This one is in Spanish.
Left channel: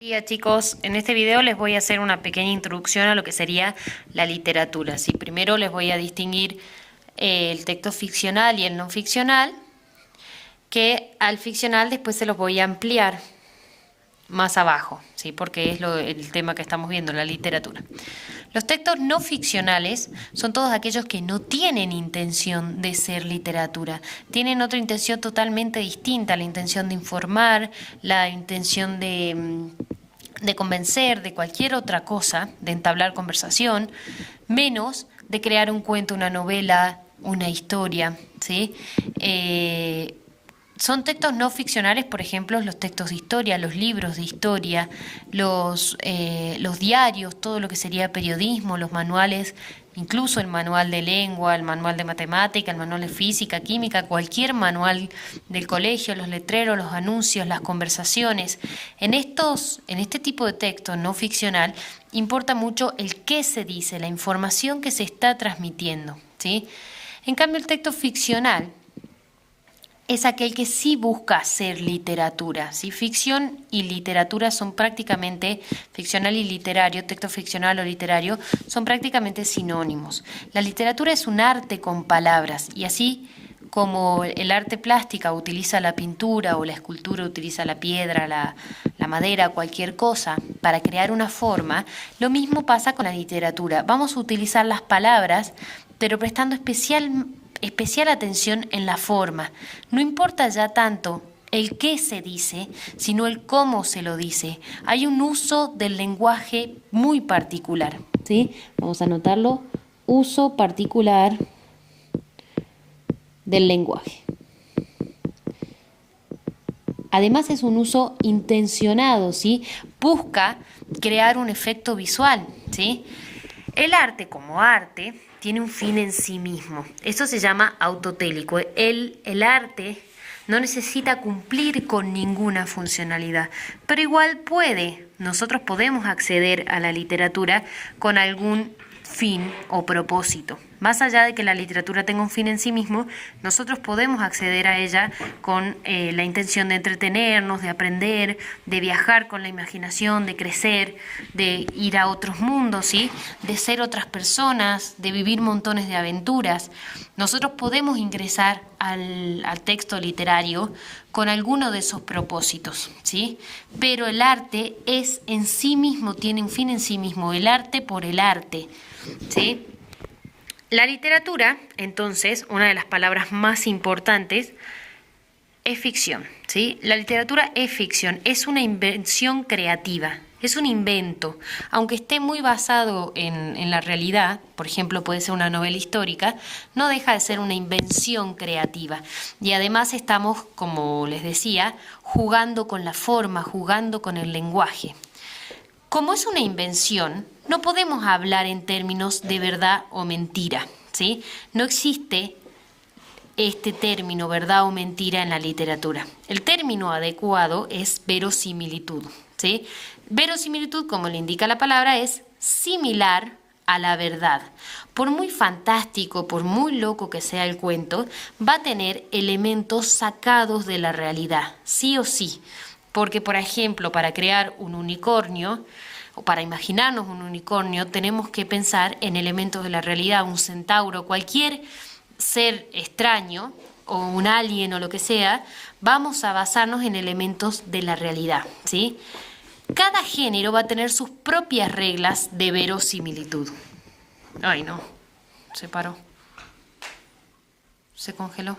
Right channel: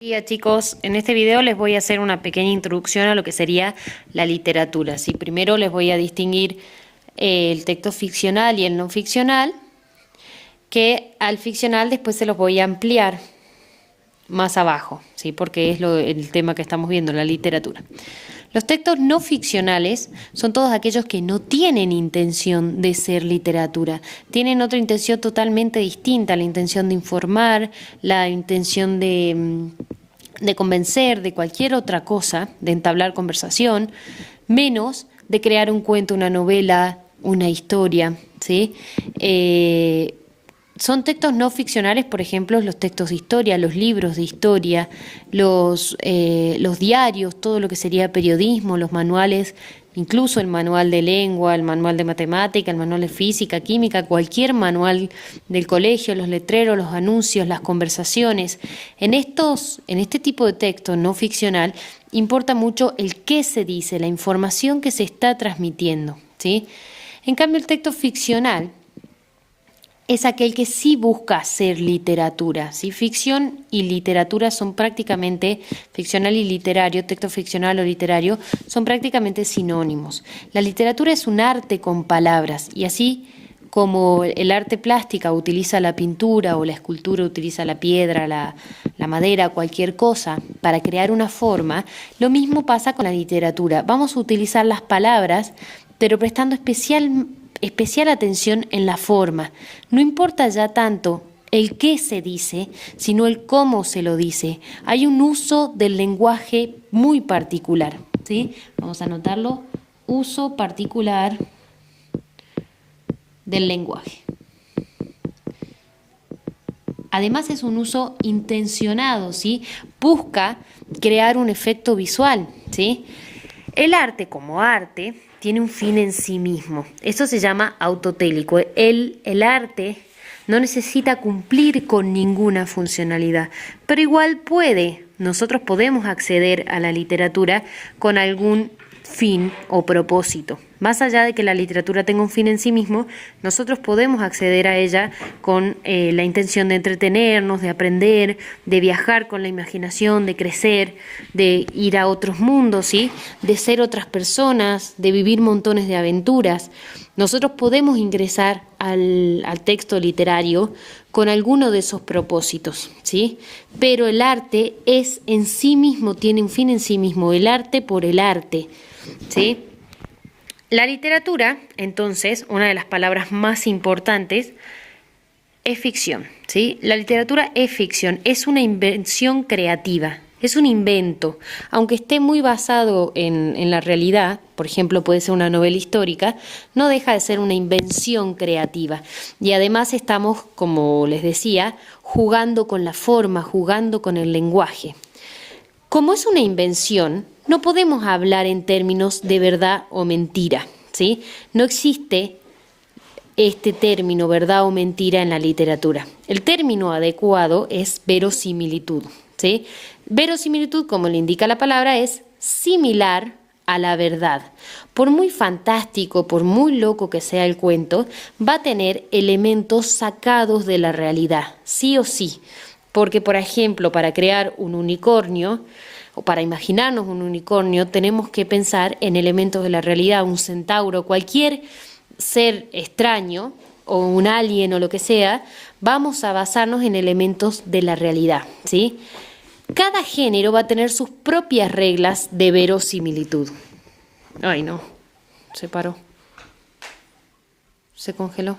Hola chicos, en este video les voy a hacer una pequeña introducción a lo que sería la literatura. ¿Sí? Primero les voy a distinguir el texto ficcional y el no ficcional, que al ficcional después se los voy a ampliar más abajo, ¿sí? Porque es el tema que estamos viendo, la literatura. Los textos no ficcionales son todos aquellos que no tienen intención de ser literatura, tienen otra intención totalmente distinta, la intención de informar, la intención de convencer, de cualquier otra cosa, de entablar conversación, menos de crear un cuento, una novela, una historia, ¿sí? Son textos no ficcionales, por ejemplo, los textos de historia, los libros de historia, los diarios, todo lo que sería periodismo, los manuales, incluso el manual de lengua, el manual de matemática, el manual de física, química, cualquier manual del colegio, los letreros, los anuncios, las conversaciones. En este tipo de texto no ficcional importa mucho el qué se dice, la información que se está transmitiendo, ¿sí? En cambio, el texto ficcional es aquel que sí busca ser literatura, ¿sí? Ficción y literatura son prácticamente, ficcional y literario, texto ficcional o literario, son prácticamente sinónimos. La literatura es un arte con palabras, y así como el arte plástica utiliza la pintura o la escultura utiliza la piedra, la madera, cualquier cosa para crear una forma, lo mismo pasa con la literatura. Vamos a utilizar las palabras, pero prestando especial atención en la forma. No importa ya tanto el qué se dice, sino el cómo se lo dice. Hay un uso del lenguaje muy particular, ¿sí? Vamos a anotarlo. Uso particular del lenguaje. Además es un uso intencionado, ¿sí? Busca crear un efecto visual, ¿sí? El arte como arte tiene un fin en sí mismo. Eso se llama autotélico. El arte no necesita cumplir con ninguna funcionalidad, pero igual nosotros podemos acceder a la literatura con algún fin o propósito. Más allá de que la literatura tenga un fin en sí mismo, nosotros podemos acceder a ella con la intención de entretenernos, de aprender, de viajar con la imaginación, de crecer, de ir a otros mundos, ¿sí? De ser otras personas, de vivir montones de aventuras. Nosotros podemos ingresar al texto literario con alguno de esos propósitos, ¿sí? Pero el arte es en sí mismo, tiene un fin en sí mismo, el arte por el arte, ¿sí? La literatura, entonces, una de las palabras más importantes, es ficción, ¿sí? La literatura es ficción, es una invención creativa, es un invento, aunque esté muy basado en la realidad, por ejemplo, puede ser una novela histórica, no deja de ser una invención creativa. Y además estamos, como les decía, jugando con la forma, jugando con el lenguaje. Como es una invención, no podemos hablar en términos de verdad o mentira, ¿sí? No existe este término verdad o mentira en la literatura. El término adecuado es verosimilitud, ¿sí? Verosimilitud, como le indica la palabra, es similar a la verdad. Por muy fantástico, por muy loco que sea el cuento, va a tener elementos sacados de la realidad, sí o sí. Porque, por ejemplo, para crear un unicornio o para imaginarnos un unicornio, tenemos que pensar en elementos de la realidad, un centauro, cualquier ser extraño o un alien o lo que sea, vamos a basarnos en elementos de la realidad, ¿sí? Cada género va a tener sus propias reglas de verosimilitud. Ay, no, se paró, se congeló.